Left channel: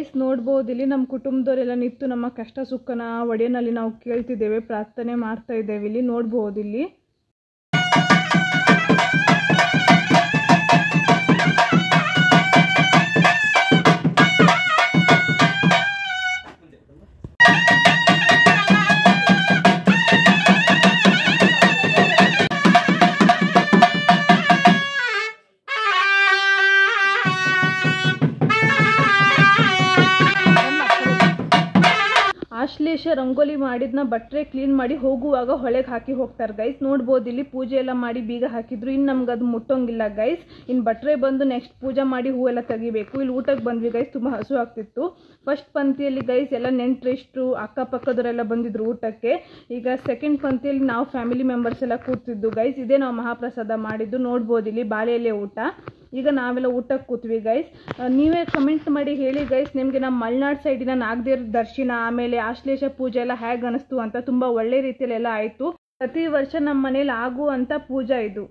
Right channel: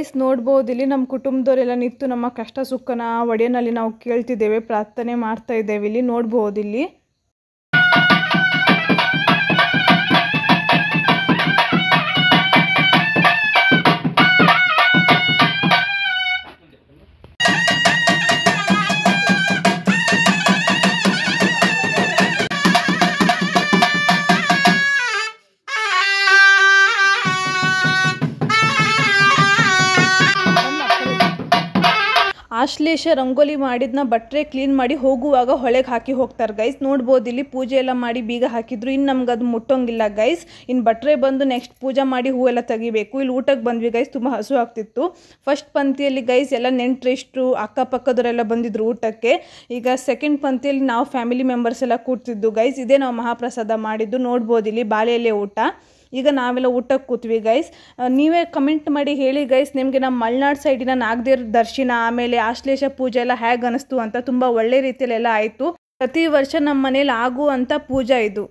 Guys ನೋಡ್ಬೋದು ಇಲ್ಲಿ ನಮ್ಮ ಕುಟುಂಬದವರೆಲ್ಲ ನಿಂತು ನಮ್ಮ ಕಷ್ಟ ಸುಖನ ಒಡೆಯನಲ್ಲಿ ನಾವು ಕೇಳ್ತಿದ್ದೇವೆ, ಪ್ರಾರ್ಥನೆ ಮಾಡ್ತಾ ಇದ್ದೇವೆ. ಇಲ್ಲಿ ನೋಡ್ಬೋದು ಇಲ್ಲಿ ಆಶ್ಲೇಷ ರಂಗೋಲಿ ಮಾಡಿದ್ನ ಬಟ್ಟರೆ ಕ್ಲೀನ್ ಮಾಡಿ ಹೋಗುವಾಗ ಹೊಳೆಗೆ ಹಾಕಿ ಹೋಗ್ತಾರೆ ಗೈಸ್. ನೋಡ್ಬೋದು ಇಲ್ಲಿ ಪೂಜೆ ಎಲ್ಲ ಮಾಡಿ ಬೀಗ ಹಾಕಿದ್ರು. ಇನ್ನು ನಮ್ಗೆ ಅದು ಮುಟ್ಟೋಂಗಿಲ್ಲ ಗೈಸ್. ಇನ್ನು ಬಟ್ಟರೆ ಬಂದು ನೆಕ್ಸ್ಟ್ ಪೂಜೆ ಮಾಡಿ ಹೂವೆಲ್ಲ ತೆಗಿಬೇಕು. ಇಲ್ಲಿ ಊಟಕ್ಕೆ ಬಂದ್ವಿ ಗೈಸ್, ತುಂಬ ಹಸು ಆಗ್ತಿತ್ತು. ಫಸ್ಟ್ ಪಂಕ್ತಿಯಲ್ಲಿ ಗೈಸ್ ಎಲ್ಲ ನೆಂಟ್ರೆಷ್ಟು ಅಕ್ಕಪಕ್ಕದವರೆಲ್ಲ ಬಂದಿದ್ರು ಊಟಕ್ಕೆ. ಈಗ ಸೆಕೆಂಡ್ ಪಂಕ್ತಿಯಲ್ಲಿ ನಾವು ಫ್ಯಾಮಿಲಿ ಮೆಂಬರ್ಸ್ ಎಲ್ಲ ಕೂರ್ತಿದ್ದು ಗೈಸ್. ಇದೇ ನಾವು ಮಹಾಪ್ರಸಾದ ಮಾಡಿದ್ದು. ನೋಡ್ಬೋದು ಇಲ್ಲಿ ಬಾಳೆಯಲ್ಲೇ ಊಟ. ಈಗ ನಾವೆಲ್ಲ ಊಟಕ್ಕೆ ಕೂತ್ವಿ ಗೈಸ್. ನೀವೇ ಕಮೆಂಟ್ ಮಾಡಿ ಹೇಳಿ ಗೈಸ್, ನಿಮಗೆ ನಮ್ಮ ಮಲೆನಾಡು ಸೈಡಿನ ನಾಗದೇವ್ರ ದರ್ಶನ ಆಮೇಲೆ ಆಶ್ಲೇಷ ಪೂಜೆ ಎಲ್ಲ ಹೇಗೆ ಅನಿಸ್ತು ಅಂತ. ತುಂಬ ಒಳ್ಳೆ ರೀತಿಯಲ್ಲೆಲ್ಲ ಆಯಿತು. ಪ್ರತಿ ವರ್ಷ ನಮ್ಮ ಮನೇಲಿ ಆಗುವಂಥ ಪೂಜೆ ಇದು.